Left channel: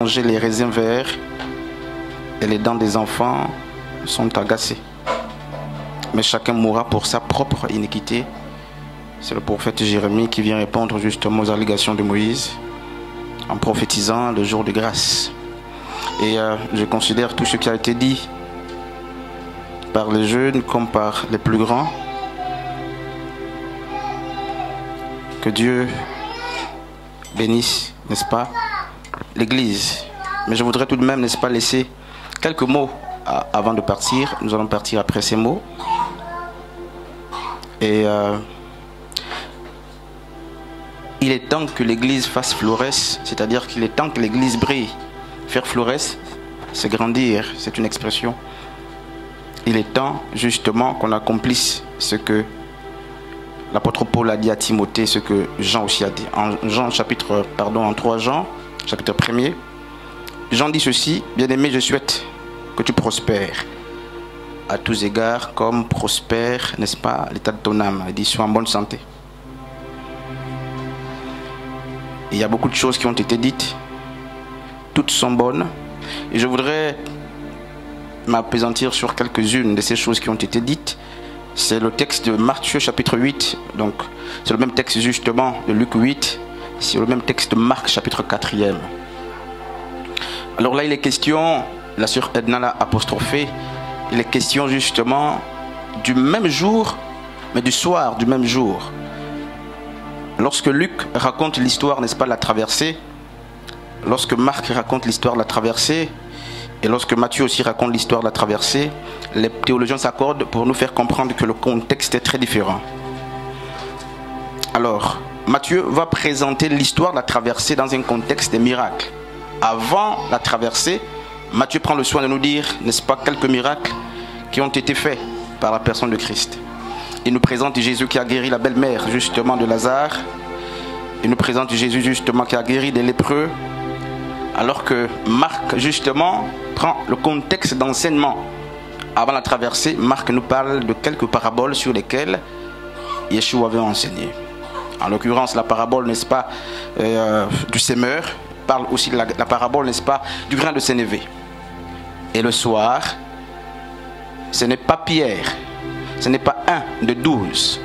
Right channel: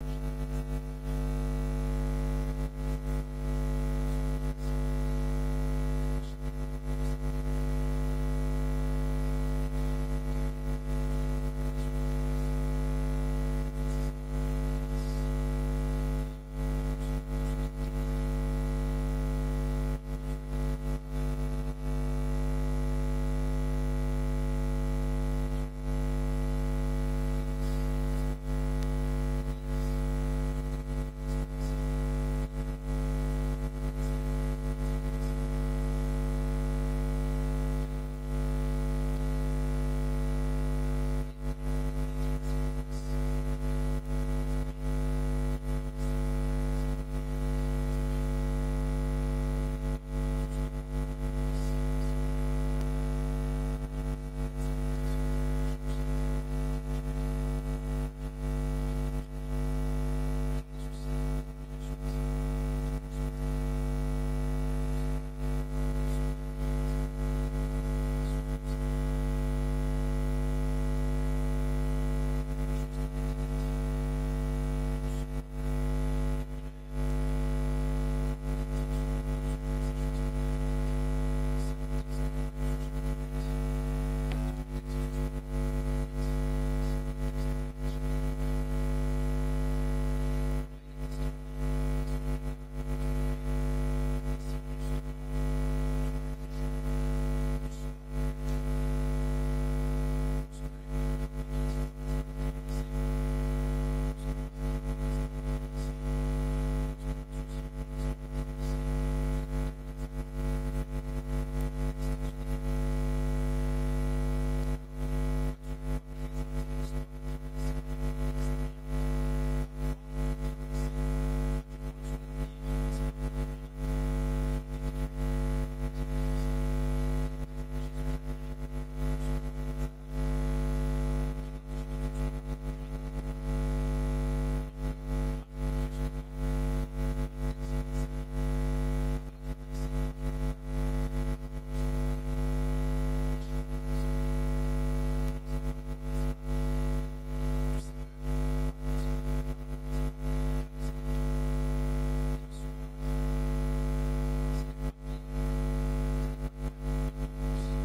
manger les raisins verts et les dents des enfants sont agacées. Mais chacun mourra pour sa propre iniquité. C'est le prophète Jérémie qui vient répondre justement aux allégations de Moïse en prophétisant le jour de grâce. Et je considère tout ce qui a été dit par les jeunes comme par les plus grands. Que Dieu bénisse, n'est-ce pas, l'Église. Mais je voudrais tout de même, n'est-ce pas, laisser quelques mots avant de partir. Nous allons partir après ces mots. Et il est temps que l'Église fasse florès, c'est-à-dire qu'il est temps que l'Église brille. Faire florès, c'est grandir, c'est une expression. Il est temps justement qu'on accomplisse ce que l'apôtre Paul a dit à Timothée, ce que Jean aussi a dit. En 3 Jean, chapitre 1er, Jean dit ceci: bien-aimé, je souhaite que tu prospères à tous égards, comme prospère, n'est-ce pas, l'état de ton âme. Il dit: sois en bonne santé. Il y a beaucoup de choses qui ont été dites, toutes sont bonnes, et je voudrais m'appesantir sur quelques-unes de ces choses qui ont été dites. C'est le texte de Matthieu chapitre 8, donc c'est le même texte justement de Luc 8, c'est le même texte de Marc chapitre 4e. Alors là il est question, la sœur Edna l'a apostrophé, il est question justement du même jour, mais du soir du même jour. Lorsque Luc raconte l'histoire, n'est-ce pas, de la traversée, lorsque Marc raconte l'histoire de la traversée, et lorsque Matthieu aussi raconte l'histoire de la traversée, les théologiens s'accordent pour nous faire comprendre que le contexte est très différent. Alors, Matthieu va présenter l'histoire de la traversée dans un contexte des miracles. Avant la traversée, Matthieu prend le soin de nous dire, n'est-ce pas, quelques miracles qui ont été faits par la personne de Christ. Il nous présente Jésus qui a guéri la belle-mère justement de Lazare. Il nous présente Jésus justement qui a guéri des lépreux. Alors que Marc justement prend le contexte d'enseignement. Avant la traversée, Marc nous parle de quelques paraboles sur lesquelles Yeshua avait enseigné. En l'occurrence, la parabole, n'est-ce pas, du semeur, parle aussi de la parabole, n'est-ce pas, du grain de sénévé. Et le soir, ce n'est pas Pierre, ce n'est pas un de 12.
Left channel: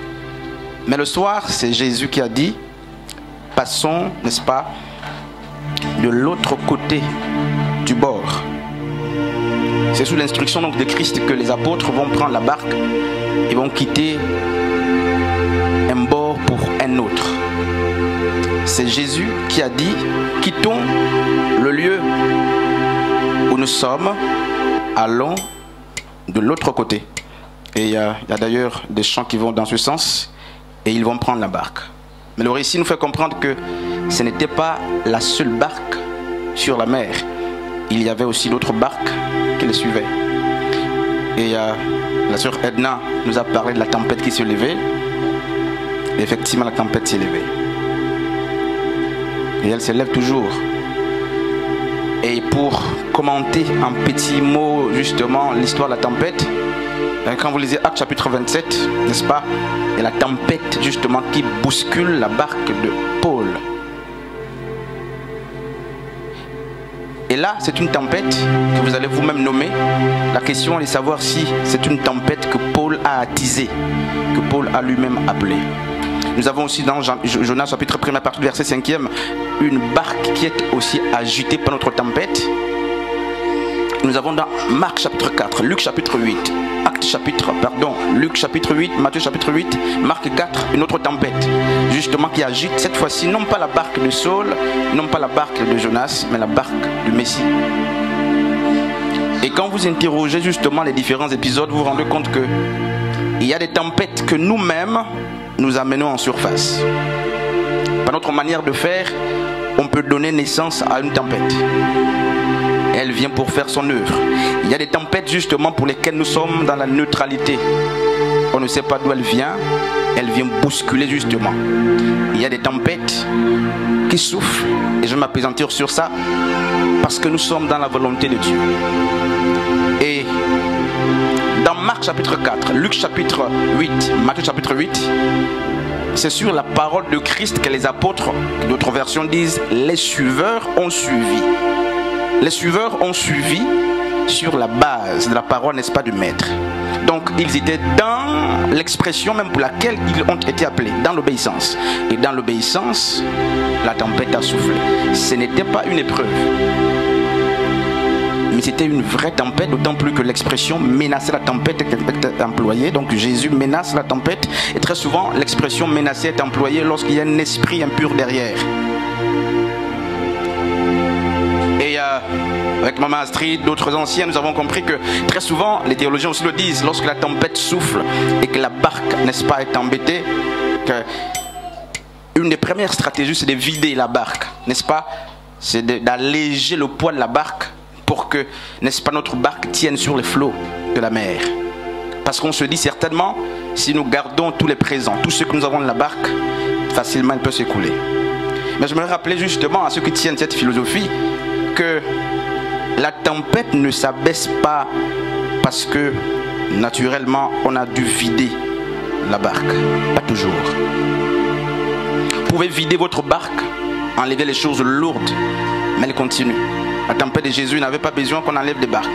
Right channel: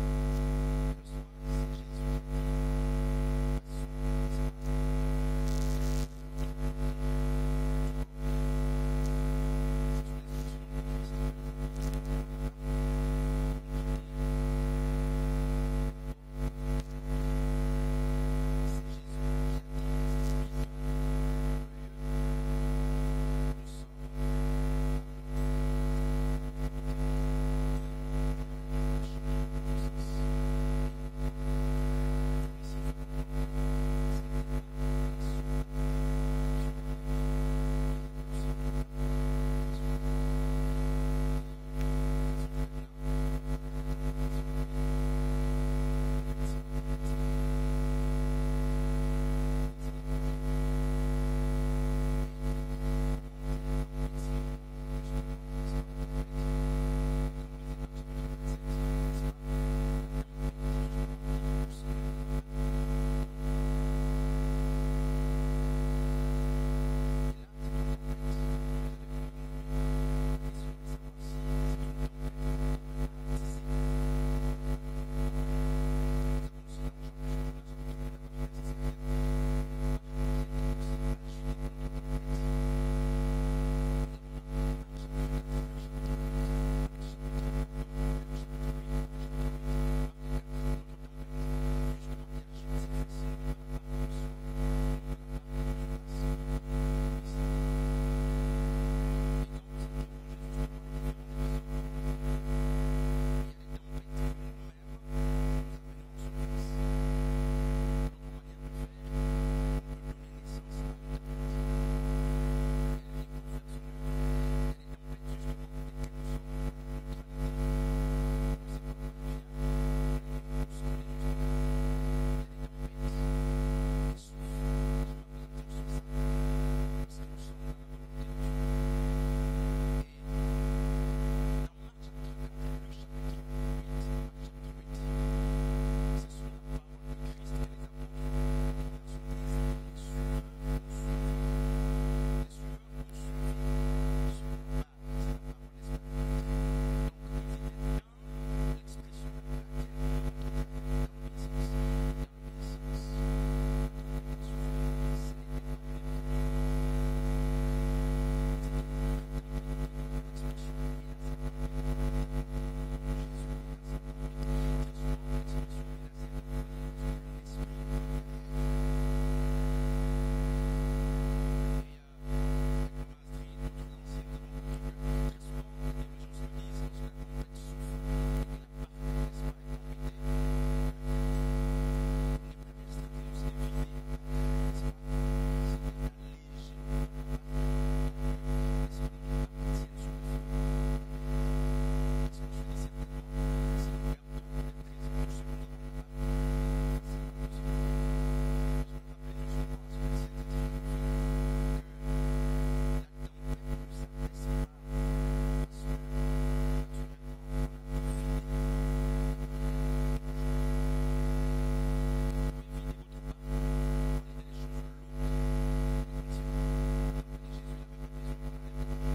Mais le soir, c'est Jésus qui a dit: passons, n'est-ce pas, de l'autre côté du bord. C'est sous l'instruction donc de Christ que les apôtres vont prendre la barque et vont quitter un bord pour un autre. C'est Jésus qui a dit: quittons le lieu où nous sommes, allons de l'autre côté. Et il y a d'ailleurs des chants qui vont dans ce sens, et ils vont prendre la barque. Mais le récit nous fait comprendre que ce n'était pas la seule barque sur la mer. Il y avait aussi d'autres barques qui les suivaient. Et la sœur Edna nous a parlé de la tempête qui se levait. Et effectivement, la tempête s'est levée. Et elle se lève toujours. Et pour commenter en petits mots justement l'histoire de la tempête, quand vous lisez Actes chapitre 27, n'est-ce pas, et la tempête justement qui bouscule la barque de Paul. Et là, c'est une tempête que vous allez vous-même nommer. La question est de savoir si c'est une tempête que Paul a attisée, que Paul a lui-même appelée. Nous avons aussi dans Jonas chapitre 1, à partir du verset 5e, une barque qui est aussi agitée par notre tempête. Nous avons dans Marc chapitre 4, Luc chapitre 8, Luc chapitre 8, Matthieu chapitre 8, Marc 4, une autre tempête, justement qui agite cette fois-ci non pas la barque de Saul, non pas la barque de Jonas, mais la barque du Messie. Et quand vous interrogez justement les différents épisodes, vous vous rendez compte que il y a des tempêtes que nous-mêmes nous amenons en surface. Par notre manière de faire, on peut donner naissance à une tempête. Elle vient pour faire son œuvre. Il y a des tempêtes justement pour lesquelles nous sommes dans la neutralité. On ne sait pas d'où elle vient bousculer justement. Il y a des tempêtes qui soufflent, et je vais m'appesantir sur ça, parce que nous sommes dans la volonté de Dieu. Et dans Marc chapitre 4, Luc chapitre 8, Matthieu chapitre 8, c'est sur la parole de Christ que les apôtres, d'autres versions disent, les suiveurs ont suivi. les suiveurs ont suivi sur la base de la parole, n'est-ce pas, du maître. Donc ils étaient dans l'expression même pour laquelle ils ont été appelés, dans l'obéissance. Et dans l'obéissance, la tempête a soufflé. Ce n'était pas une épreuve, mais c'était une vraie tempête, d'autant plus que l'expression menacer la tempête est employée. Donc Jésus menace la tempête, et très souvent l'expression menacer est employée lorsqu'il y a un esprit impur derrière. Et avec Maman Astrid, d'autres anciens, nous avons compris que très souvent, les théologiens aussi le disent, lorsque la tempête souffle et que la barque, n'est-ce pas, est embêtée, une des premières stratégies, c'est de vider la barque, n'est-ce pas? C'est d'alléger le poids de la barque pour que, n'est-ce pas, notre barque tienne sur les flots de la mer. Parce qu'on se dit certainement, si nous gardons tous les présents, tout ce que nous avons de la barque, facilement elle peut s'écouler. Mais je me rappelais justement à ceux qui tiennent cette philosophie que la tempête ne s'abaisse pas parce que naturellement on a dû vider la barque. Pas toujours. Vous pouvez vider votre barque, enlever les choses lourdes, mais elle continue. La tempête de Jésus n'avait pas besoin qu'on enlève des barques,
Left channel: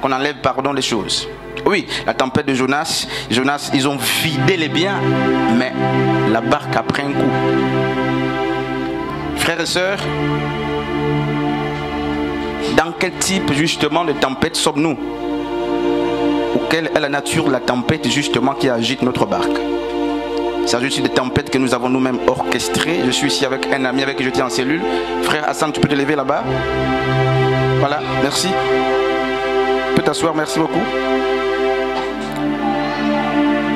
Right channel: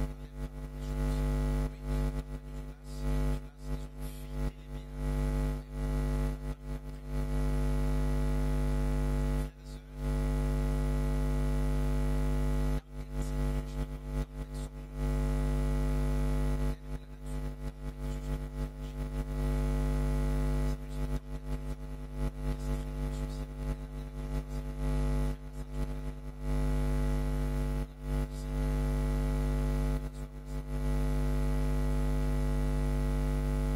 qu'on enlève, pardon, les choses. Oui, la tempête de Jonas, ils ont vidé les biens, mais la barque a pris un coup. Frères et sœurs, dans quel type justement de tempête sommes-nous? Ou quelle est la nature de la tempête justement qui agite notre barque? Il s'agit aussi des tempêtes que nous avons nous-mêmes orchestrées. Je suis ici avec un ami avec qui j'étais en cellule. Frère Hassan, tu peux te lever là-bas? Voilà, merci. Tu peux t'asseoir, merci beaucoup.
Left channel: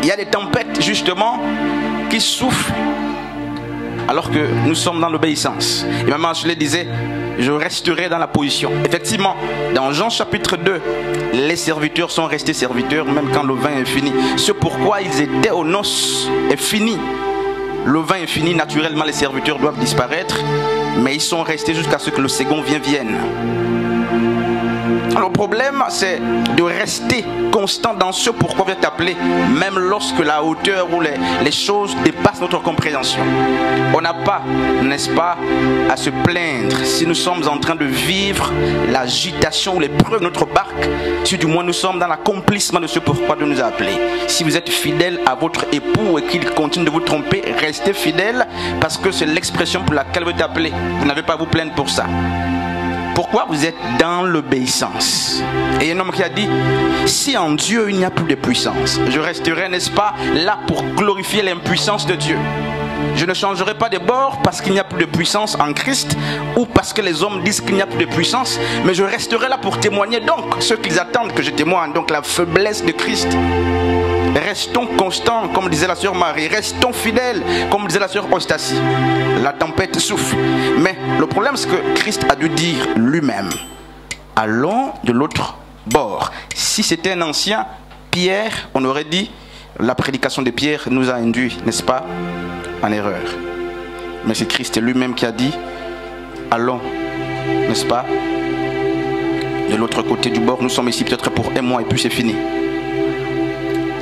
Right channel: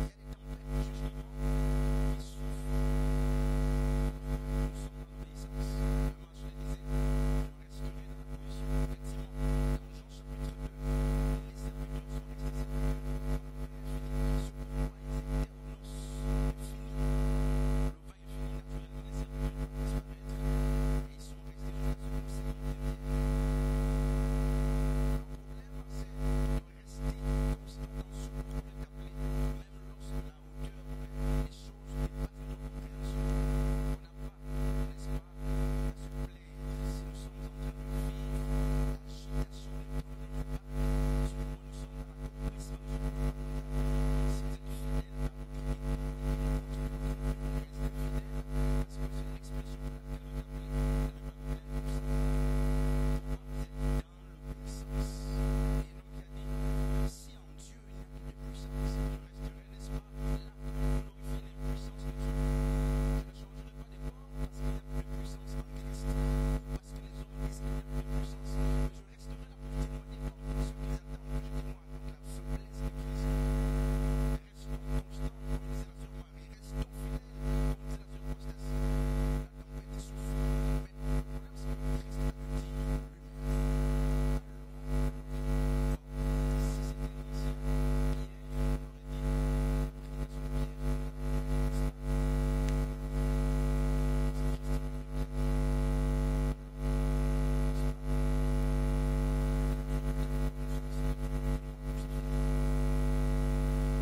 Il y a des tempêtes justement qui soufflent alors que nous sommes dans l'obéissance. Et Maman Ashley disait, je resterai dans la position. Effectivement, dans Jean chapitre 2, les serviteurs sont restés serviteurs même quand le vin est fini. C'est pourquoi ils étaient aux noces est fini. Le vin est fini, naturellement les serviteurs doivent disparaître, mais ils sont restés jusqu'à ce que le second vienne. Alors, le problème, c'est de rester constant dans ce pourquoi vous êtes appelé, même lorsque la hauteur ou les choses dépassent notre compréhension. On n'a pas, n'est-ce pas, à se plaindre si nous sommes en train de vivre l'agitation ou l'épreuve de notre barque, si du moins nous sommes dans l'accomplissement de ce pourquoi Dieu nous a appelés. Si vous êtes fidèle à votre époux et qu'il continue de vous tromper, restez fidèle parce que c'est l'expression pour laquelle vous êtes appelé. Vous n'avez pas à vous plaindre pour ça. Pourquoi vous êtes dans l'obéissance? Et il y a un homme qui a dit, si en Dieu il n'y a plus de puissance, je resterai, n'est-ce pas, là pour glorifier l'impuissance de Dieu. Je ne changerai pas de bord parce qu'il n'y a plus de puissance en Christ ou parce que les hommes disent qu'il n'y a plus de puissance, mais je resterai là pour témoigner donc ceux qu'ils attendent que je témoigne, donc la faiblesse de Christ. Restons constants, comme disait la sœur Marie. Restons fidèles, comme disait la sœur Ostasie. La tempête souffle. Mais le problème, c'est que Christ a dû dire lui-même, allons de l'autre bord. Si c'était un ancien, Pierre, on aurait dit, la prédication de Pierre nous a induit, n'est-ce pas, en erreur. Mais c'est Christ lui-même qui a dit, allons, n'est-ce pas, de l'autre côté du bord. Nous sommes ici peut-être pour un mois et puis c'est fini.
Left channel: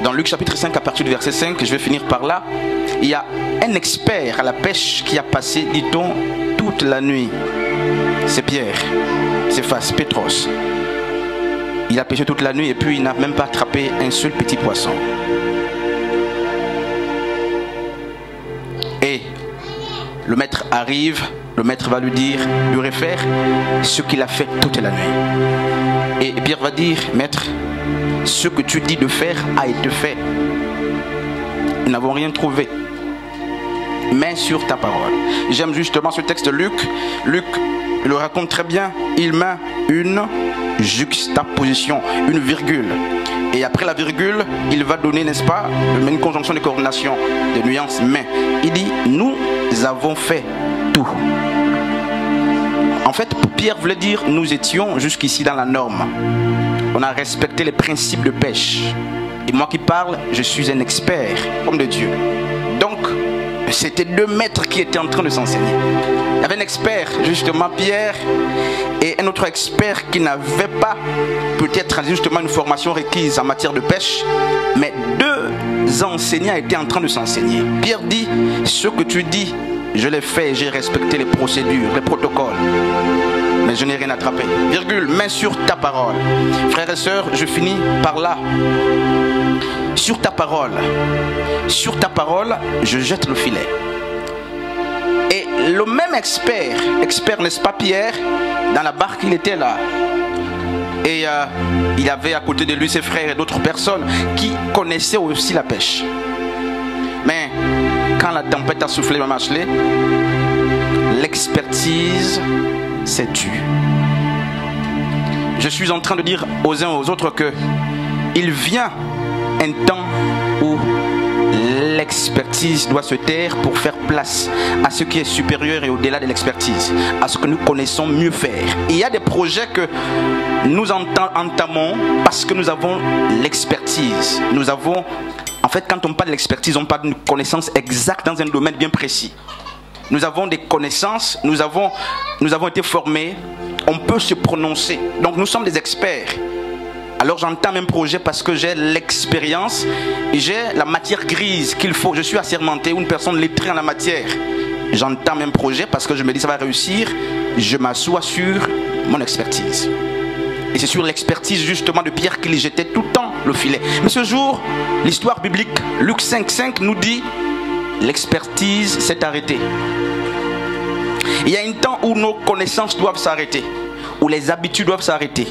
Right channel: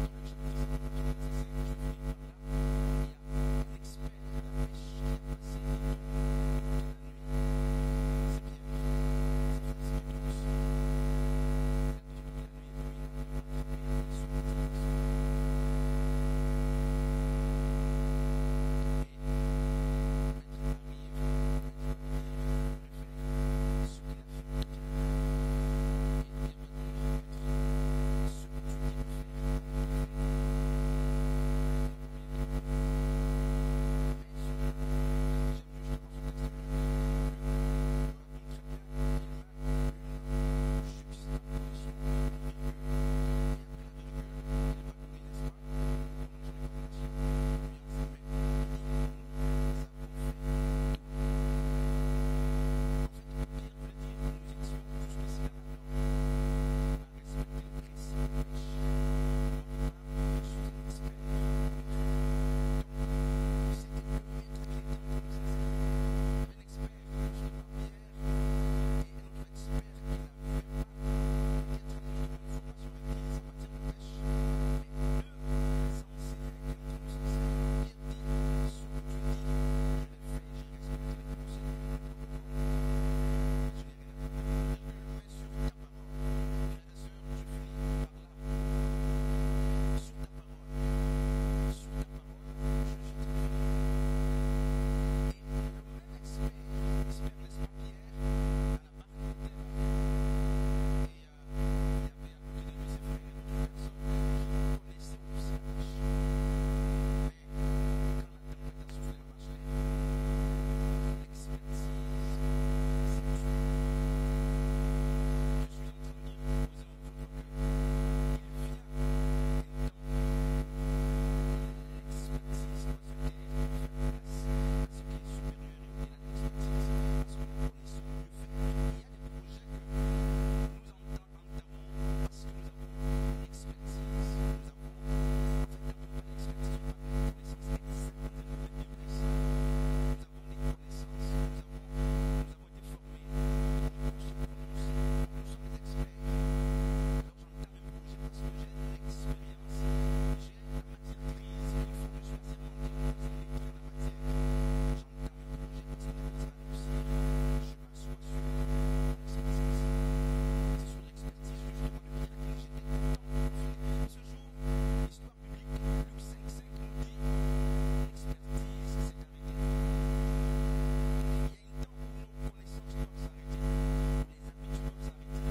Dans Luc chapitre 5, à partir du verset 5, je vais finir par là, il y a un expert à la pêche qui a passé, dit-on, toute la nuit. C'est Pierre, c'est Pétros. Il a pêché toute la nuit et puis il n'a même pas attrapé un seul petit poisson. Et le maître arrive, le maître va lui dire, lui refaire ce qu'il a fait toute la nuit. Et Pierre va dire, maître, ce que tu dis de faire a été fait. Nous n'avons rien trouvé. Mais sur ta parole. J'aime justement ce texte de Luc. Luc le raconte très bien. Il met une juxtaposition, une virgule. Et après la virgule, il va donner, n'est-ce pas, une conjonction de coordination, de nuances. Mais il dit, nous avons fait tout. En fait, Pierre voulait dire, nous étions jusqu'ici dans la norme. On a respecté les principes de pêche. Et moi qui parle, je suis un expert, homme de Dieu. Donc, c'était deux maîtres qui étaient en train de s'enseigner. Il y avait un expert, justement Pierre, et un autre expert qui n'avait pas peut-être justement une formation requise en matière de pêche, mais deux enseignants étaient en train de s'enseigner. Pierre dit, ce que tu dis, je l'ai fait, j'ai respecté les procédures, les protocoles. mais je n'ai rien attrapé. Virgule, main sur ta parole. Frères et sœurs, je finis par là. Sur ta parole, je jette le filet. Et le même expert, n'est-ce pas Pierre, dans la barque il était là. Et il avait à côté de lui ses frères et d'autres personnes qui connaissaient aussi la pêche. Mais quand la tempête a soufflé le machelet, l'expertise s'est tue. Je suis en train de dire aux uns aux autres que il vient un temps où l'expertise doit se taire pour faire place à ce qui est supérieur et au-delà de l'expertise, à ce que nous connaissons mieux faire. Et il y a des projets que nous entamons parce que nous avons l'expertise. Nous avons, en fait, quand on parle de l'expertise, on parle d'une connaissance exacte dans un domaine bien précis. Nous avons des connaissances, nous avons été formés, on peut se prononcer. Donc nous sommes des experts. Alors j'entame un projet parce que j'ai l'expérience et j'ai la matière grise qu'il faut. Je suis assermenté ou une personne lettrée en la matière. J'entame un projet parce que je me dis ça va réussir. Je m'assois sur mon expertise. Et c'est sur l'expertise justement de Pierre qu'il jetait tout le temps le filet. Mais ce jour, l'histoire biblique, Luc 5,5 nous dit l'expertise s'est arrêtée. Il y a un temps où nos connaissances doivent s'arrêter, où les habitudes doivent s'arrêter,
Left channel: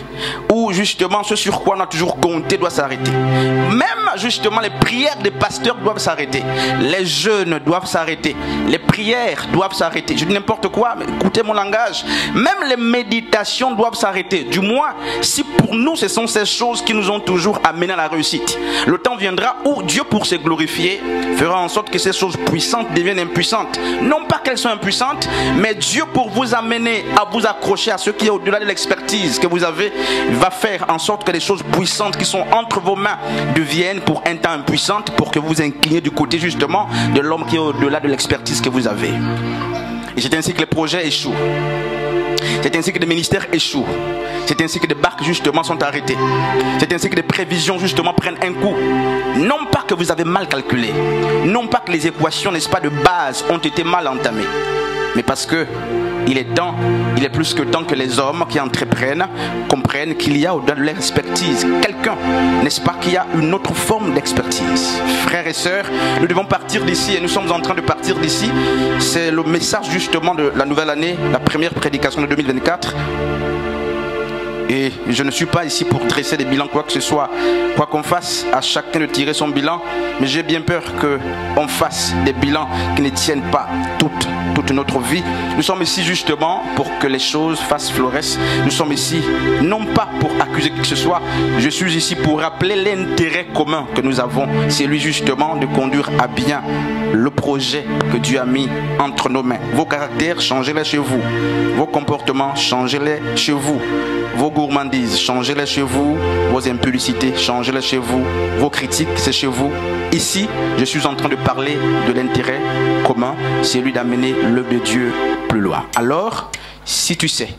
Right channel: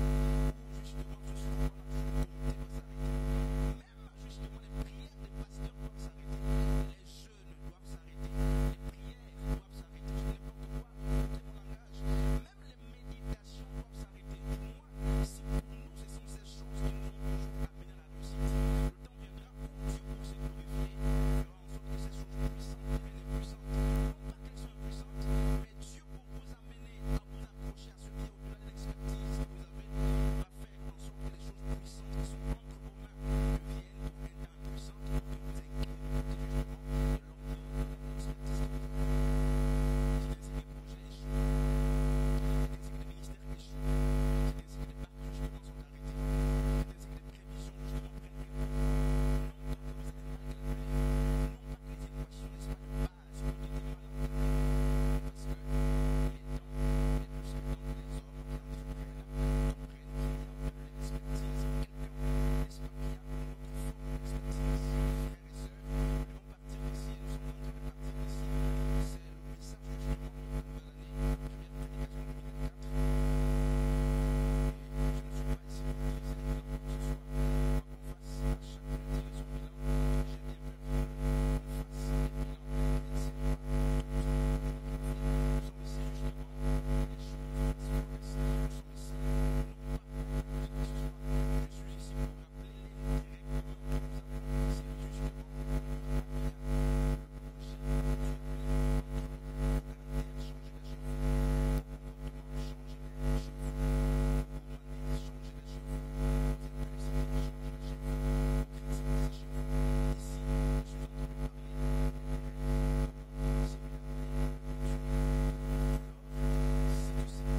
où justement ce sur quoi on a toujours compté doit s'arrêter. Même justement les prières des pasteurs doivent s'arrêter, les jeûnes doivent s'arrêter, les prières doivent s'arrêter. Je dis n'importe quoi, mais écoutez mon langage. Même les méditations doivent s'arrêter. Du moins, si pour nous ce sont ces choses qui nous ont toujours amenés à la réussite. Le temps viendra où Dieu, pour se glorifier, fera en sorte que ces choses puissantes deviennent impuissantes. Non pas qu'elles soient impuissantes, mais Dieu, pour vous amener à vous accrocher à ce qui est au-delà de l'expertise que vous avez, va faire en sorte que les choses puissantes qui sont entre vos mains deviennent pour un temps impuissantes, pour que vous vous incliniez du côté justement de l'homme qui est au-delà de l'expertise que vous avez. Et c'est ainsi que les projets échouent. C'est ainsi que les ministères échouent. C'est ainsi que des barques justement sont arrêtées. C'est ainsi que des prévisions justement prennent un coup. Non pas que vous avez mal calculé, non pas que les équations, n'est-ce pas, de base ont été mal entamées, mais parce que il est plus que temps que les hommes qui entreprennent comprennent qu'il y a au-delà de l'expertise quelqu'un, n'est-ce pas, qui a une autre forme d'expertise. Frères et sœurs, nous devons partir d'ici et nous sommes en train de partir d'ici. C'est le message justement de la nouvelle année, la première prédication de 2024. Et je ne suis pas ici pour dresser des bilans, quoi que ce soit, quoi qu'on fasse, à chacun de tirer son bilan. Mais j'ai bien peur qu'on fasse des bilans qui ne tiennent pas toute notre vie. Nous sommes ici justement pour que les choses fassent florès. Nous sommes ici non pas pour accuser qui que ce soit. Je suis ici pour rappeler l'intérêt commun que nous avons. C'est lui justement de conduire à bien le projet que Dieu a mis entre nos mains. Vos caractères, changez-les chez vous. Vos comportements, changez-les chez vous. Vos gourmandises, changez-les chez vous. Vos impulsités, changez-les chez vous. Vos critiques, c'est chez vous. Ici, je suis en train de parler de l'intérêt commun, c'est lui d'amener l'œuvre de Dieu plus loin. Alors, si tu sais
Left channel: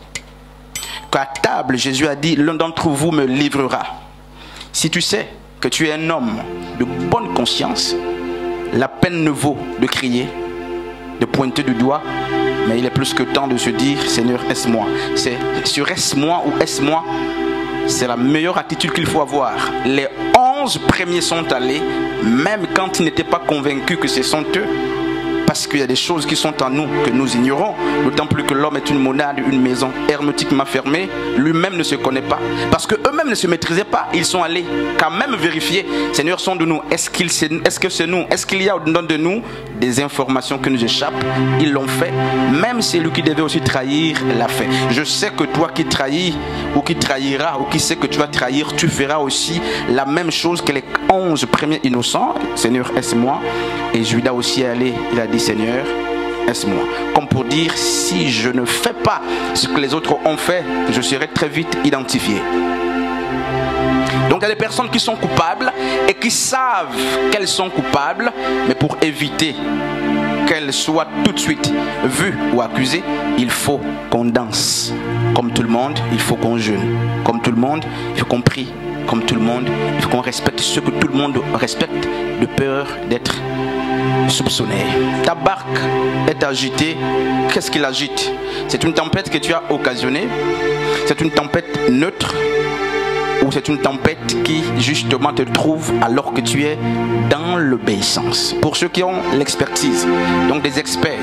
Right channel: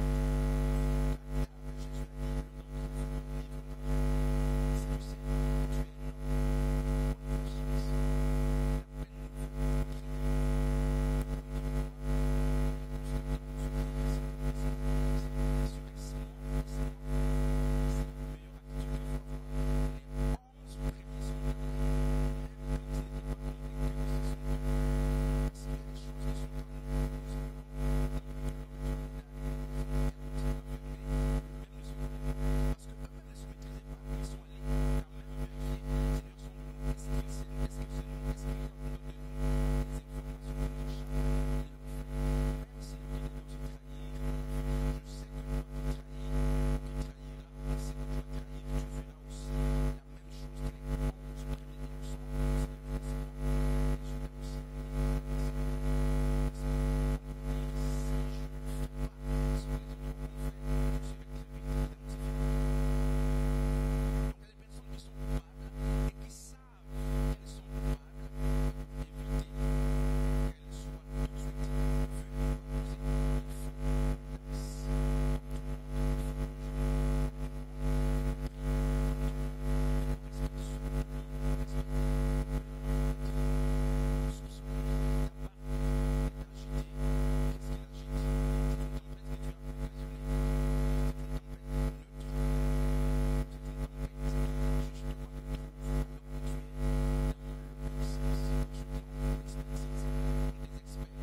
qu'à table, Jésus a dit, l'un d'entre vous me livrera. Si tu sais que tu es un homme de bonne conscience, la peine ne vaut de crier, de pointer du doigt, mais il est plus que temps de se dire, Seigneur, est-ce moi? C'est sur est-ce moi ou est-ce moi? C'est la meilleure attitude qu'il faut avoir. Les 11 premiers sont allés, même quand ils n'étaient pas convaincus que ce sont eux. Parce qu'il y a des choses qui sont en nous que nous ignorons. D'autant plus que l'homme est une monade, une maison hermétiquement fermée. Lui-même ne se connaît pas. Parce qu'eux-mêmes ne se maîtrisaient pas. Ils sont allés quand même vérifier. Seigneur, sont de nous. Est-ce que c'est nous? Est-ce qu'il y a au-dedans de nous des informations qui nous échappent? Ils l'ont fait. Même celui qui devait aussi trahir l'a fait. Je sais que toi qui trahis ou qui trahira ou qui sait que tu vas trahir, tu feras aussi la même chose que les 11 premiers innocents. Seigneur, est-ce moi? Et Judas aussi est allé. Il a dit, Seigneur, est-ce moi? Comme pour dire, si je ne fais pas ce que les autres ont fait, je serai très vite identifié. Donc il y a des personnes qui sont coupables et qui savent qu'elles sont coupables, mais pour éviter qu'elles soient tout de suite vues ou accusées, il faut qu'on danse. Comme tout le monde, il faut qu'on jeûne. Comme tout le monde, il faut qu'on prie. Comme tout le monde, il faut qu'on respecte ce que tout le monde respecte, de peur d'être soupçonné. Ta barque est agité, qu'est-ce qu'il agite? C'est une tempête que tu as occasionnée? C'est une tempête neutre? Ou c'est une tempête qui justement te trouve alors que tu es dans l'obéissance? Pour ceux qui ont l'expertise, donc des experts,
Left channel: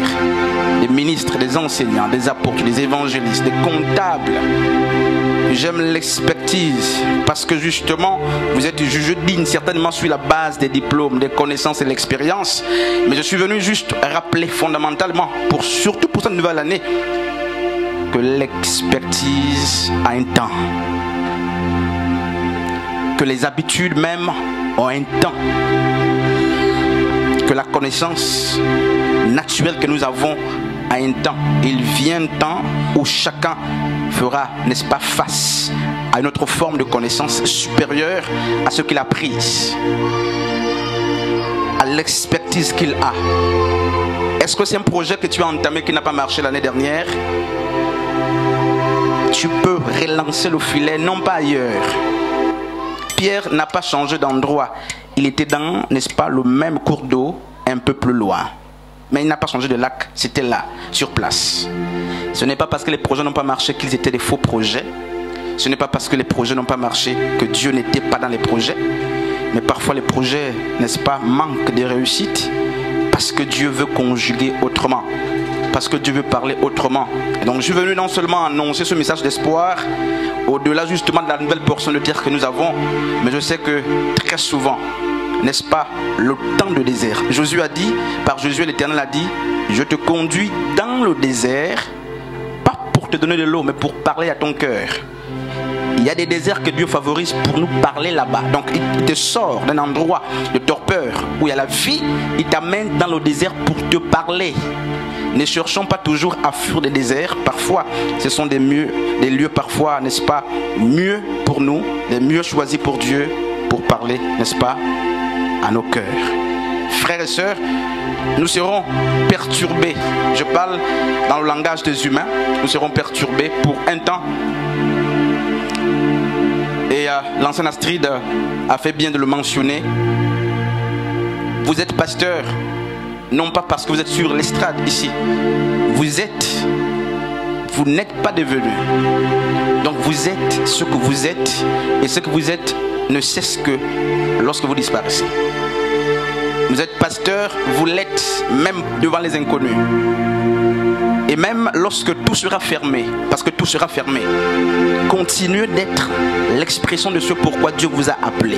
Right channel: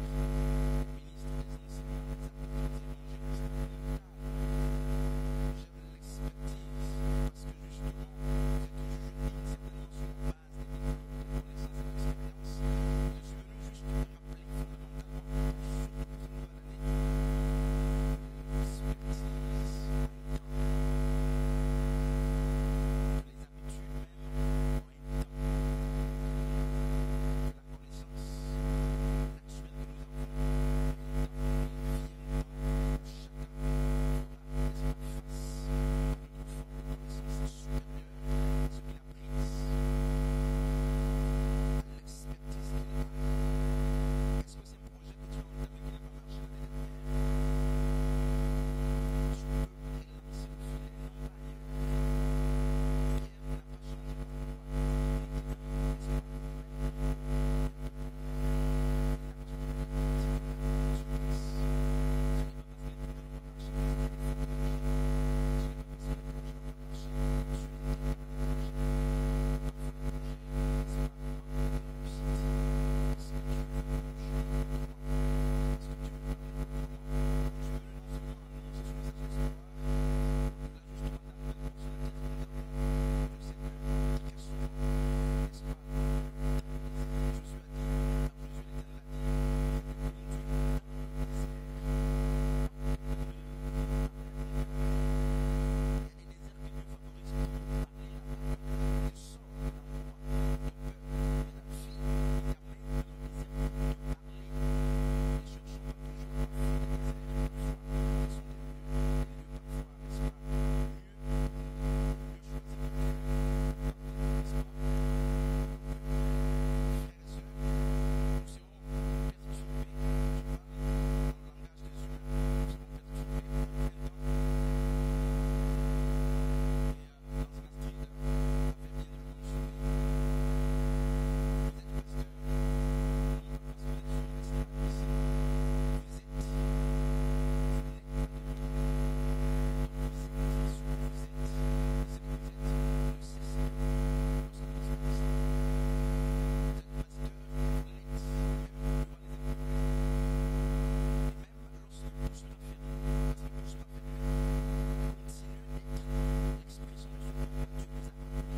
des ministres, des enseignants, des apôtres, des évangélistes, des comptables, j'aime l'expertise parce que justement vous êtes jugé digne certainement sur la base des diplômes, des connaissances et de l'expérience. Mais je suis venu juste rappeler fondamentalement, surtout pour cette nouvelle année, que l'expertise a un temps. Que les habitudes même ont un temps. Que la connaissance naturelle que nous avons a un temps. Il vient un temps où chacun fera, n'est-ce pas, face à une autre forme de connaissance supérieure à ce qu'il a prise, à l'expertise qu'il a. Est-ce que c'est un projet que tu as entamé qui n'a pas marché l'année dernière? Tu peux relancer le filet, non pas ailleurs. Pierre n'a pas changé d'endroit. Il était dans, n'est-ce pas, le même cours d'eau, un peu plus loin. Mais il n'a pas changé de lac, c'était là, sur place. Ce n'est pas parce que les projets n'ont pas marché qu'ils étaient des faux projets. Ce n'est pas parce que les projets n'ont pas marché que Dieu n'était pas dans les projets. Mais parfois les projets, n'est-ce pas, manquent de réussite parce que Dieu veut conjuguer autrement. Parce que Dieu veut parler autrement. Et donc je suis venu non seulement annoncer ce message d'espoir, au-delà justement de la nouvelle portion de terre que nous avons, mais je sais que très souvent, n'est-ce pas, le temps de désert. Josué a dit, par Josué l'Éternel a dit, je te conduis dans le désert, pas pour te donner de l'eau, mais pour parler à ton cœur. Il y a des déserts que Dieu favorise pour nous parler là-bas. Donc il te sort d'un endroit de torpeur où il y a la vie, il t'amène dans le désert pour te parler. Ne cherchons pas toujours à fuir des déserts. Parfois, ce sont des lieux parfois, n'est-ce pas, mieux pour nous, des mieux choisis pour Dieu, pour parler, n'est-ce pas, à nos cœurs. Frères et sœurs, nous serons perturbés. Je parle dans le langage des humains. Nous serons perturbés pour un temps. Et l'ancien Astrid a fait bien de le mentionner. Vous êtes pasteur, non pas parce que vous êtes sur l'estrade ici. Vous n'êtes pas devenu. Donc vous êtes ce que vous êtes. Et ce que vous êtes ne cesse que lorsque vous disparaissez. Vous êtes pasteur, vous l'êtes même devant les inconnus. Et même lorsque tout sera fermé, parce que tout sera fermé, continuez d'être l'expression de ce pourquoi Dieu vous a appelé.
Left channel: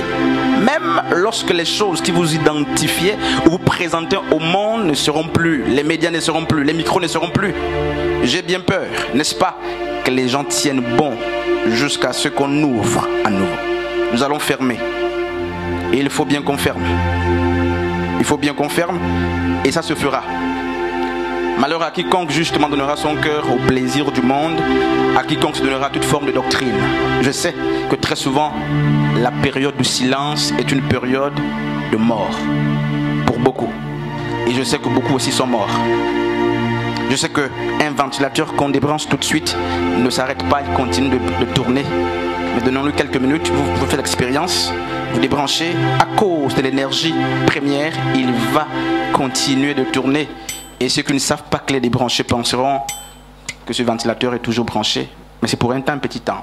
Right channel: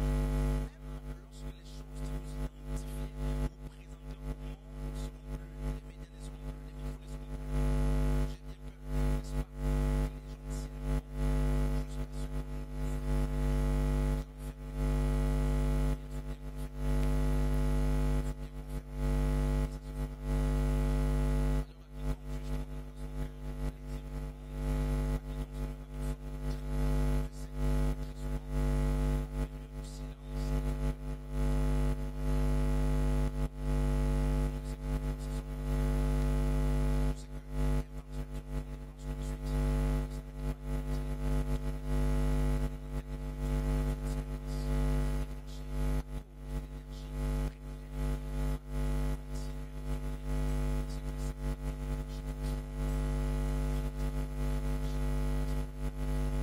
Même lorsque les choses qui vous identifiez ou vous présentez au monde ne seront plus, les médias ne seront plus, les micros ne seront plus. J'ai bien peur, n'est-ce pas, que les gens tiennent bon jusqu'à ce qu'on ouvre à nouveau. Nous allons fermer. Et il faut bien qu'on ferme. Il faut bien qu'on ferme et ça se fera. Malheur à quiconque justement donnera son cœur au plaisir du monde, à quiconque se donnera toute forme de doctrine. Je sais que très souvent, la période du silence est une période de mort pour beaucoup. Et je sais que beaucoup aussi sont morts. Je sais qu'un ventilateur qu'on débranche tout de suite ne s'arrête pas, il continue de tourner. Mais donnons-lui quelques minutes, vous faites l'expérience, vous débranchez, à cause de l'énergie première, il va continuer de tourner. Et ceux qui ne savent pas que les débranchés penseront que ce ventilateur est toujours branché. Mais c'est pour un temps, un petit temps.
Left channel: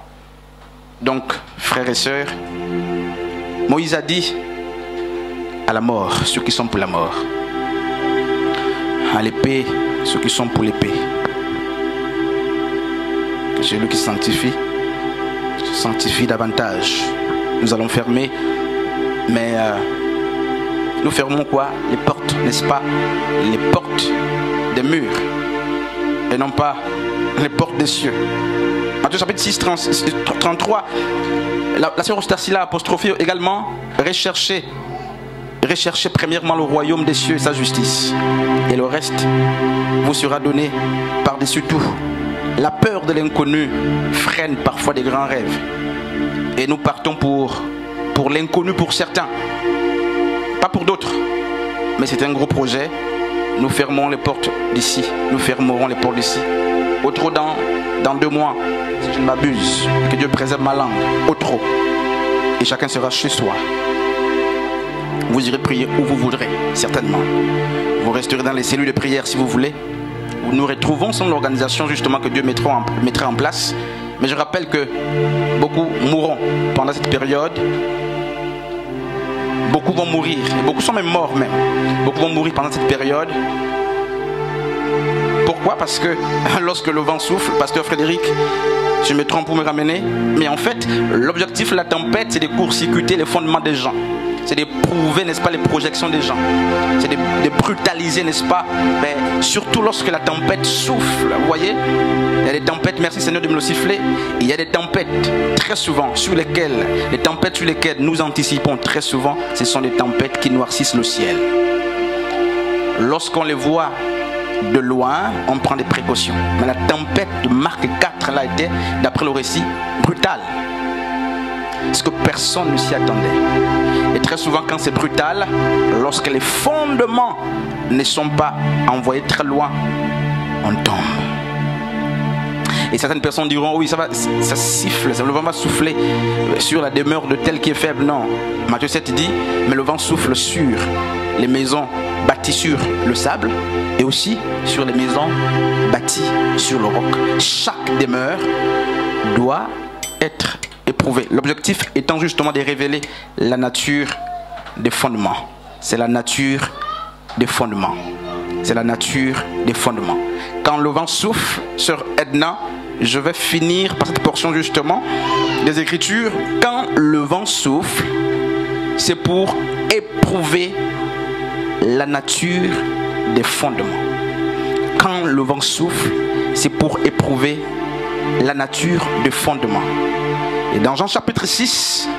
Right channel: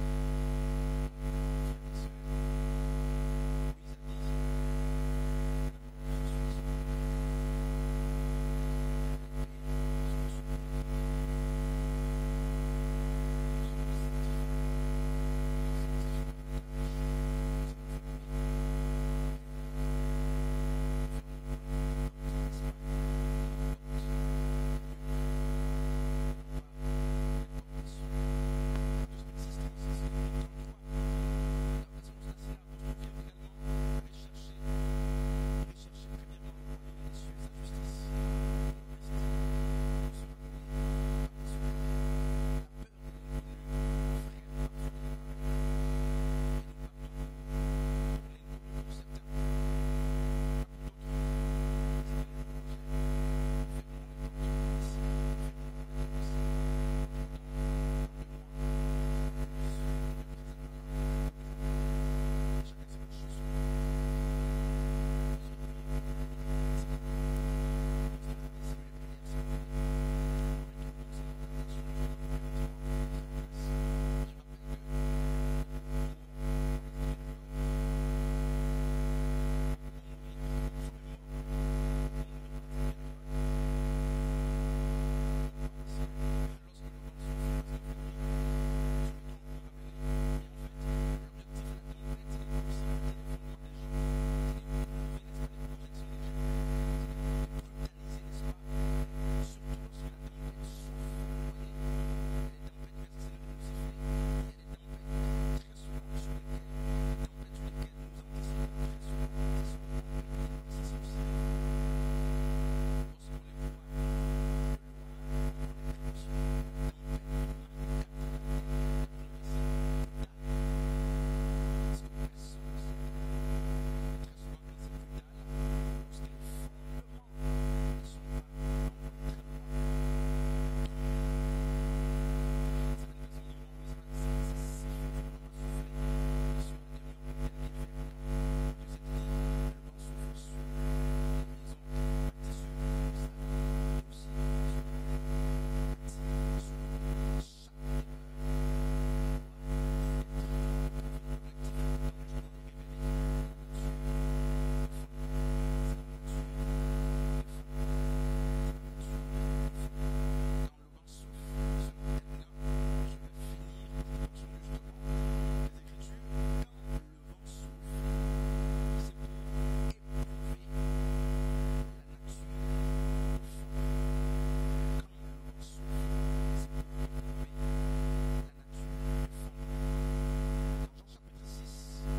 Donc, frères et sœurs, Moïse a dit à la mort, ceux qui sont pour la mort. À l'épée, ceux qui sont pour l'épée. Que celui qui se sanctifie davantage. Nous allons fermer, mais nous fermons quoi? Les portes, n'est-ce pas? Les portes des murs et non pas les portes des cieux. Matthieu chapitre 6, 33, la sœur Ostarsila a apostrophé également recherchez premièrement le royaume des cieux et sa justice, et le reste vous sera donné par-dessus tout. La peur de l'inconnu freine parfois des grands rêves et nous partons pour l'inconnu pour certains, pas pour d'autres, mais c'est un gros projet. Nous fermons les portes d'ici, nous fermerons les portes d'ici. Au trop dans 2 mois, si je ne m'abuse, que Dieu préserve ma langue, au trop, et chacun sera chez soi. Vous irez prier où vous voudrez, certainement. Vous resterez dans les cellules de prière si vous voulez, nous retrouvons sans l'organisation justement que Dieu mettra en place. Mais je rappelle que beaucoup mourront pendant cette période. Beaucoup vont mourir, et beaucoup sont même morts même. Beaucoup vont mourir pendant cette période. Pourquoi? Parce que lorsque le vent souffle, pasteur Frédéric, je me trompe pour me ramener, mais en fait, l'objectif de la tempête, c'est de court-circuiter les fondements des gens. C'est d'éprouver, n'est-ce pas, les projections des gens. C'est de brutaliser, n'est-ce pas, mais surtout lorsque la tempête souffle, vous voyez. Il y a des tempêtes, merci Seigneur de me le siffler. Il y a des tempêtes très souvent les tempêtes sur lesquelles nous anticipons très souvent, ce sont des tempêtes qui noircissent le ciel. Lorsqu'on les voit de loin, on prend des précautions. Mais la tempête de Marc 4 là était, d'après le récit, brutale. Parce que personne ne s'y attendait. Et très souvent quand c'est brutal, lorsque les fondements ne sont pas envoyés très loin, on tombe. Et certaines personnes diront, oui, ça siffle, le vent va souffler sur la demeure de tel qui est faible. Non, Matthieu 7 dit, mais le vent souffle sur les maisons bâties sur le sable et aussi sur les maisons bâties sur le roc. Chaque demeure doit être éprouvée. L'objectif étant justement de révéler la nature des fondements. C'est la nature des fondements. C'est la nature des fondements. Quand le vent souffle, sœur Edna, je vais finir par cette portion justement des Écritures. Quand le vent souffle, c'est pour éprouver la nature des fondements. Quand le vent souffle, c'est pour éprouver la nature des fondements. Et dans Jean chapitre 6,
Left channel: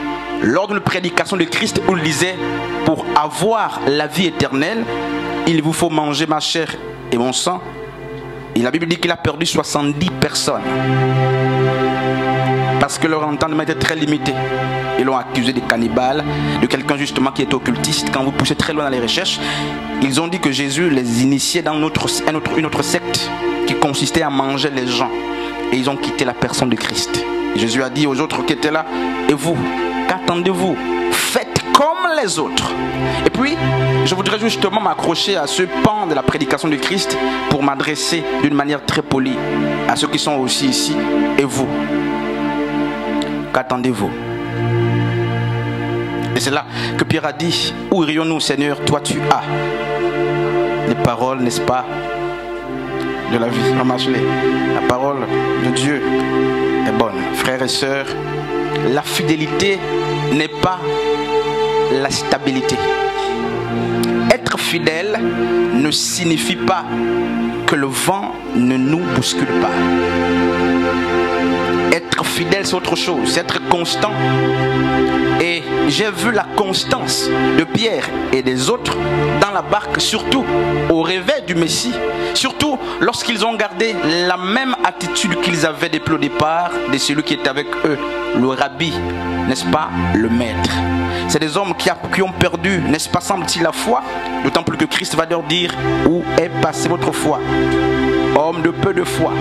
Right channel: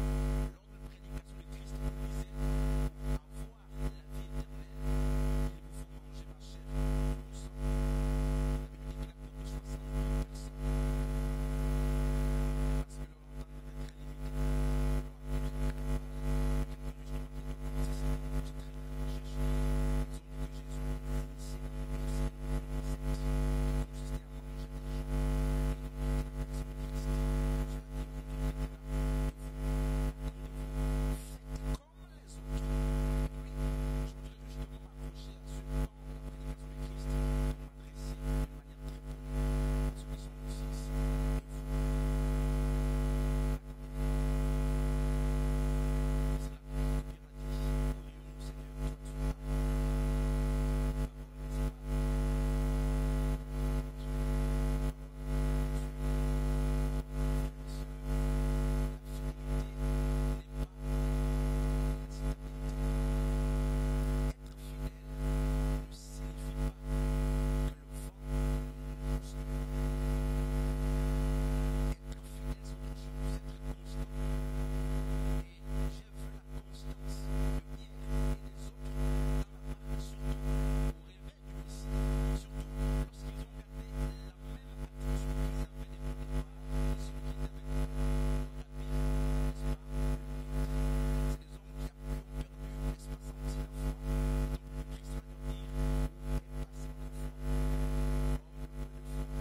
lors d'une prédication de Christ où il disait, pour avoir la vie éternelle, il vous faut manger ma chair et mon sang. Et la Bible dit qu'il a perdu 70 personnes. Parce que leur entendement était très limité. Ils l'ont accusé de cannibale, de quelqu'un justement qui est occultiste. Quand vous poussez très loin dans les recherches, ils ont dit que Jésus les initiait dans une autre secte qui consistait à manger les gens. Et ils ont quitté la personne de Christ. Et Jésus a dit aux autres qui étaient là, et vous, qu'attendez-vous? Faites comme les autres. Et puis, je voudrais justement m'accrocher à ce pan de la prédication de Christ pour m'adresser d'une manière très polie à ceux qui sont aussi ici. Et vous, qu'attendez-vous? Et c'est là que Pierre a dit, où irions-nous, Seigneur? Toi tu as les paroles, n'est-ce pas, de la vie. La parole de Dieu est bonne. Frères et sœurs, la fidélité n'est pas la stabilité. Être fidèle ne signifie pas que le vent ne nous bouscule pas. Être fidèle, c'est autre chose, c'est être constant. Et j'ai vu la constance de Pierre et des autres dans la barque, surtout au réveil du Messie, surtout lorsqu'ils ont gardé la même attitude qu'ils avaient depuis le départ de celui qui était avec eux, le rabbi, n'est-ce pas, le maître. C'est des hommes qui ont perdu, n'est-ce pas, semble-t-il, la foi, d'autant plus que Christ va leur dire, où est passée votre foi? Homme de peu de foi.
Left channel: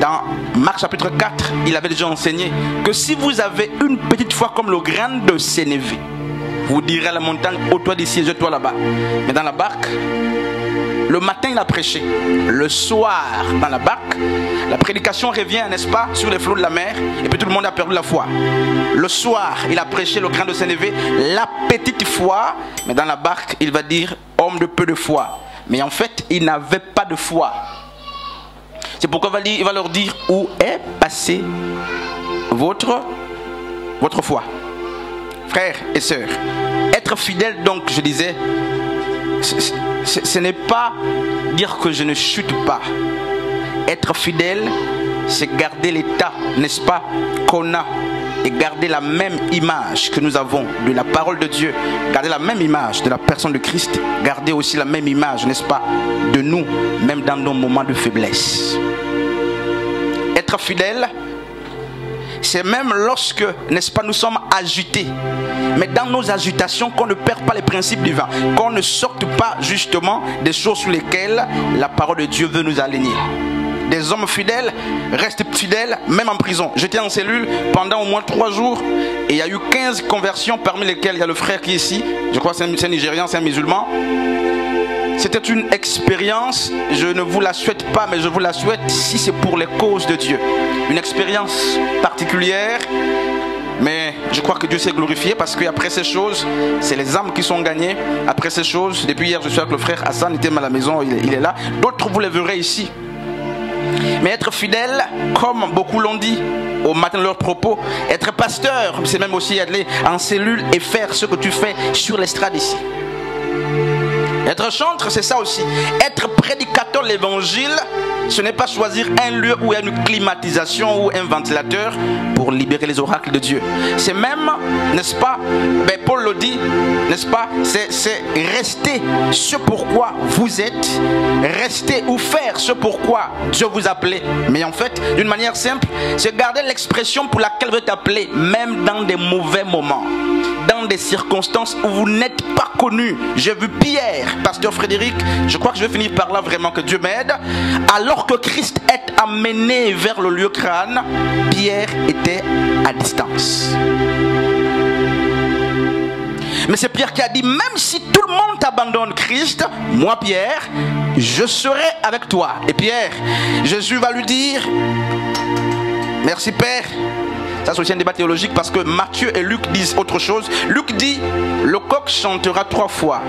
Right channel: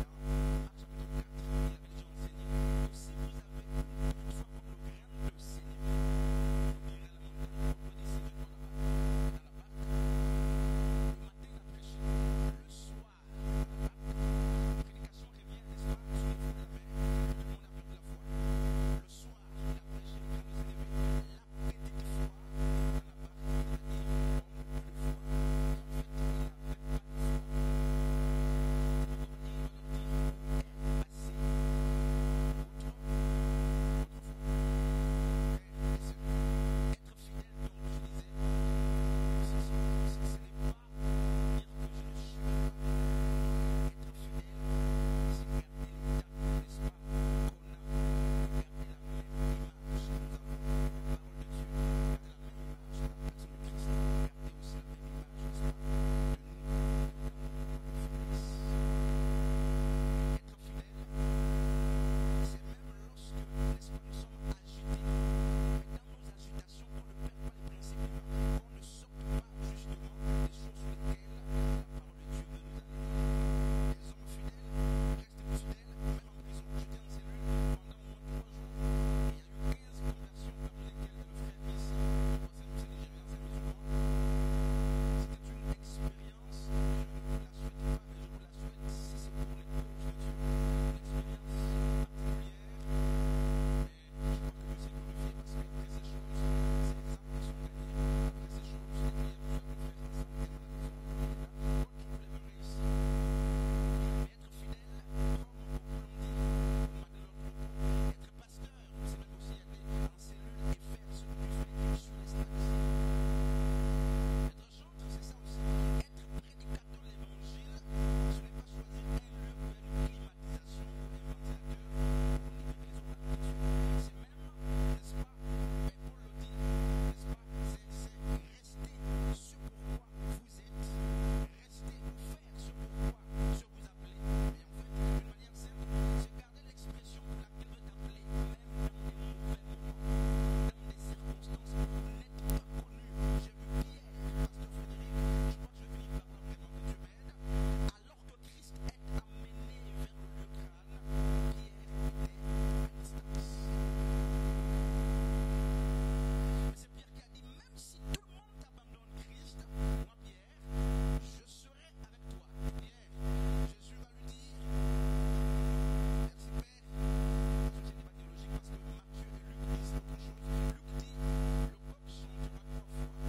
Dans Marc chapitre 4, il avait déjà enseigné que si vous avez une petite foi comme le grain de sénévé, vous direz à la montagne, ôte-toi d'ici et jette-toi là-bas. Mais dans la barque, le matin il a prêché, le soir dans la barque, la prédication revient, n'est-ce pas, sur les flots de la mer, et puis tout le monde a perdu la foi. Le soir, il a prêché le grain de sénévé, la petite foi, mais dans la barque, il va dire, homme de peu de foi. Mais en fait, il n'avait pas de foi. C'est pourquoi il va leur dire, où est passée votre foi? Frères et sœurs, être fidèle, donc, je disais, ce n'est pas dire que je ne chute pas. Être fidèle, c'est garder l'état, n'est-ce pas, qu'on a, et garder la même image que nous avons de la parole de Dieu, garder la même image de la personne de Christ, garder aussi la même image, n'est-ce pas, de nous, même dans nos moments de faiblesse. Être fidèle, c'est même lorsque, n'est-ce pas, nous sommes agités, mais dans nos agitations, qu'on ne perd pas les principes divins, qu'on ne sorte pas justement des choses sur lesquelles la parole de Dieu veut nous aligner. Des hommes fidèles restent fidèles même en prison. J'étais en cellule pendant au moins 3 jours et il y a eu 15 conversions, parmi lesquelles il y a le frère qui est ici, je crois que c'est un Nigérian, c'est un musulman. C'était une expérience, je ne vous la souhaite pas, mais je vous la souhaite si c'est pour les causes de Dieu. Une expérience particulière, mais je crois que Dieu s'est glorifié parce qu'après ces choses, c'est les âmes qui sont gagnées. Après ces choses, depuis hier, je suis avec le frère Hassan, il était à la maison, il est là. D'autres, vous les verrez ici. Mais être fidèle, comme beaucoup l'ont dit au matin de leur propos, être pasteur, c'est même aussi aller en cellule et faire ce que tu fais sur l'estrade ici. Être chantre, c'est ça aussi. Être prédicateur de l'évangile, ce n'est pas choisir un lieu où il y a une climatisation ou un ventilateur pour libérer les oracles de Dieu. C'est même, n'est-ce pas, ben Paul le dit, n'est-ce pas, c'est rester ce pourquoi vous êtes, rester ou faire ce pourquoi Dieu vous a appelé. Mais en fait, d'une manière simple, c'est garder l'expression pour laquelle vous êtes appelé, même dans des mauvais moments, dans des circonstances où vous n'êtes pas connu. J'ai vu Pierre, pasteur Frédéric, je crois que je vais finir par là vraiment, que Dieu m'aide. Alors que Christ est amené vers le lieu crâne, Pierre était à distance. Mais c'est Pierre qui a dit, même si tout le monde abandonne Christ, moi Pierre, je serai avec toi. Et Pierre, Jésus va lui dire, merci Père. Ça c'est aussi un débat théologique parce que Matthieu et Luc disent autre chose. Luc dit, le coq chantera 3 fois.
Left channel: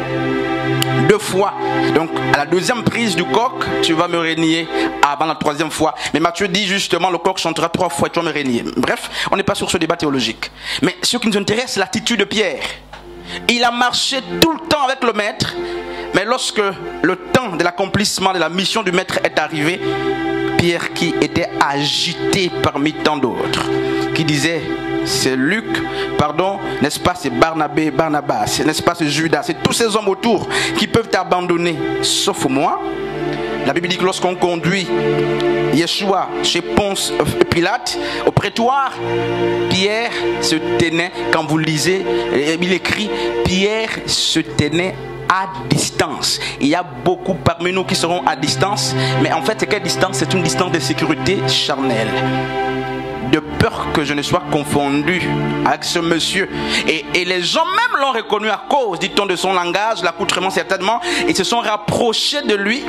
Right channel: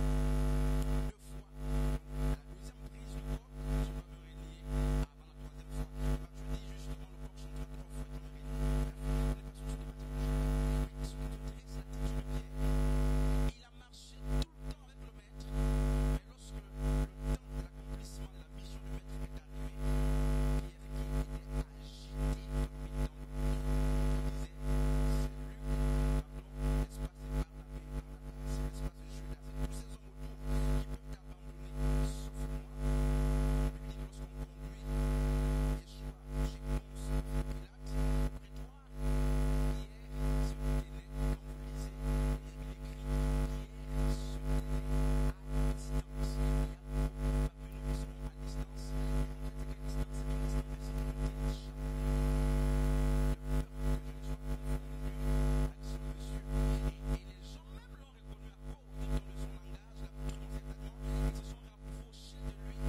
2 fois. Donc à la deuxième prise du coq, tu vas me régner avant la 3e fois. Mais Matthieu dit justement, le coq chantera 3 fois et tu vas me régner. Bref, on n'est pas sur ce débat théologique. Mais ce qui nous intéresse, c'est l'attitude de Pierre. Il a marché tout le temps avec le maître. Mais lorsque le temps de l'accomplissement de la mission du maître est arrivé, Pierre qui était agité parmi tant d'autres, qui disait, c'est Luc, pardon, n'est-ce pas, c'est Barnabé, Barnabas, n'est-ce pas, c'est Judas, c'est tous ces hommes autour qui peuvent t'abandonner, sauf moi. La Bible dit que lorsqu'on conduit Yeshua chez Ponce Pilate, au prétoire, Pierre se tenait, quand vous lisez, il écrit, Pierre se tenait à distance. Il y a beaucoup parmi nous qui seront à distance, mais en fait, c'est quelle distance? C'est une distance de sécurité charnelle, de peur que je ne sois confondu avec ce monsieur. Et les gens même l'ont reconnu à cause, dit-on, de son langage, l'accoutrement certainement, et se sont rapprochés de lui,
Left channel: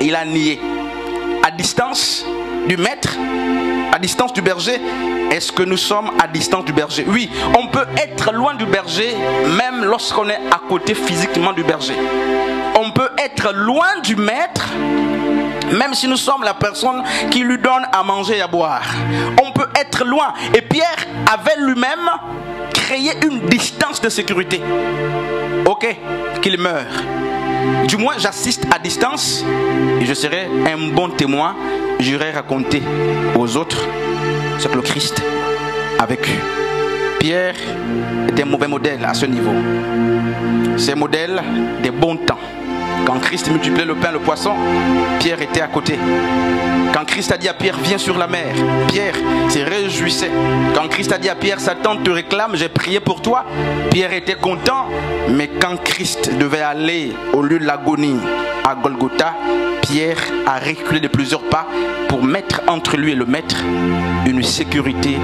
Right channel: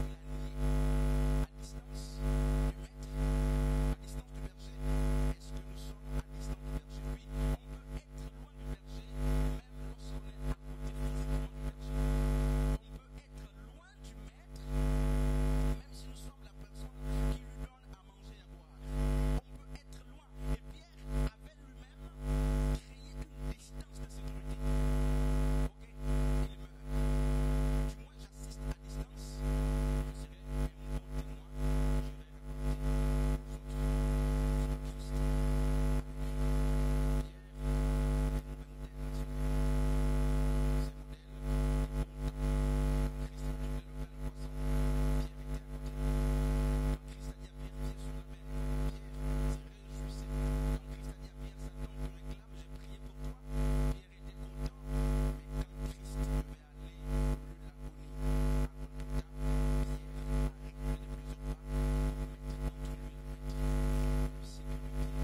et il a nié. À distance du maître, à distance du berger. Est-ce que nous sommes à distance du berger? Oui, on peut être loin du berger même lorsqu'on est à côté physiquement du berger. On peut être loin du maître même si nous sommes la personne qui lui donne à manger et à boire. On peut être loin. Et Pierre avait lui-même créé une distance de sécurité. Ok, qu'il meure. Du moins, j'assiste à distance et je serai un bon témoin. J'irai raconter aux autres ce que le Christ a vécu. Pierre était un mauvais modèle à ce niveau. C'est un modèle des bons temps. Quand Christ multipliait le pain et le poisson, Pierre était à côté. Quand Christ a dit à Pierre, viens sur la mer, Pierre s'est réjouissait. Quand Christ a dit à Pierre, Satan te réclame, j'ai prié pour toi, Pierre était content. Mais quand Christ devait aller au lieu de l'agonie à Golgotha, Pierre a reculé de plusieurs pas pour mettre entre lui et le maître une sécurité,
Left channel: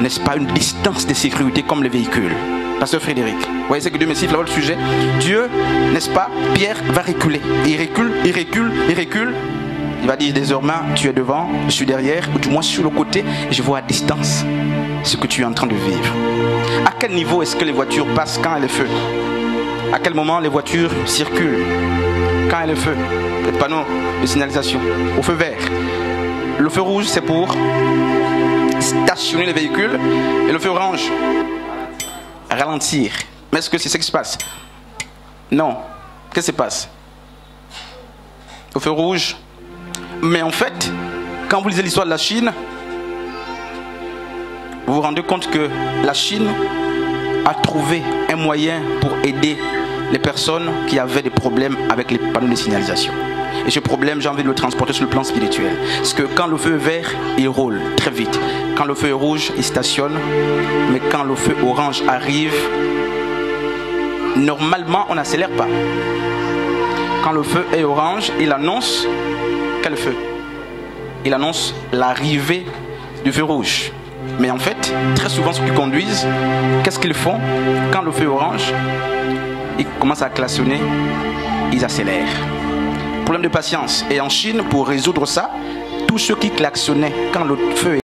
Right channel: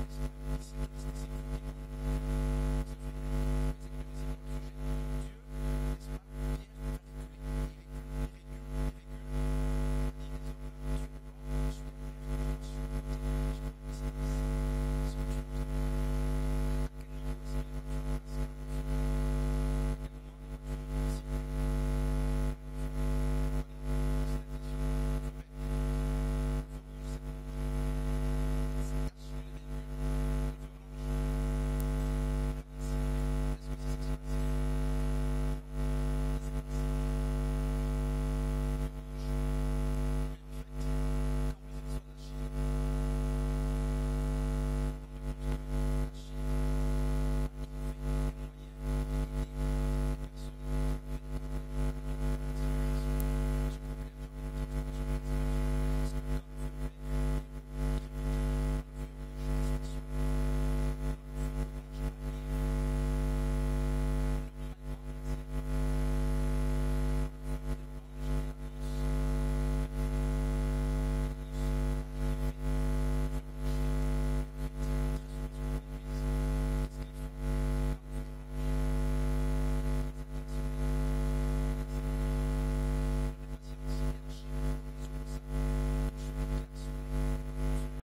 n'est-ce pas, une distance de sécurité comme les véhicules. Pasteur Frédéric, vous voyez, c'est que Dieu me siffle là-bas le sujet. Dieu, n'est-ce pas, Pierre va reculer. Il recule, il recule, il recule. Il va dire désormais, tu es devant, je suis derrière, ou du moins sur le côté, et je vois à distance ce que tu es en train de vivre. À quel niveau est-ce que les voitures passent quand il y a le feu? À quel moment les voitures circulent? Quand il y a le feu, les panneaux de signalisation, au feu vert. Le feu rouge, c'est pour stationner les véhicules, et le feu orange, ralentir. Mais est-ce que c'est ce qui se passe? Non. Qu'est-ce qui se passe? Au feu rouge. Mais en fait, quand vous lisez l'histoire de la Chine, vous vous rendez compte que la Chine a trouvé un moyen pour aider les personnes qui avaient des problèmes avec les panneaux de signalisation. Et ce problème, j'ai envie de le transporter sur le plan spirituel. Parce que quand le feu est vert, il roule très vite. Quand le feu est rouge, il stationne. Mais quand le feu orange arrive, normalement, on n'accélère pas. Quand le feu est orange, il annonce quel feu? Il annonce l'arrivée du feu rouge. Mais en fait, très souvent, ceux qui conduisent, qu'est-ce qu'ils font? Quand le feu est orange, ils commencent à klaxonner ils accélèrent. Problème de patience. Et en Chine, pour résoudre ça, tous ceux qui klaxonnaient quand le feu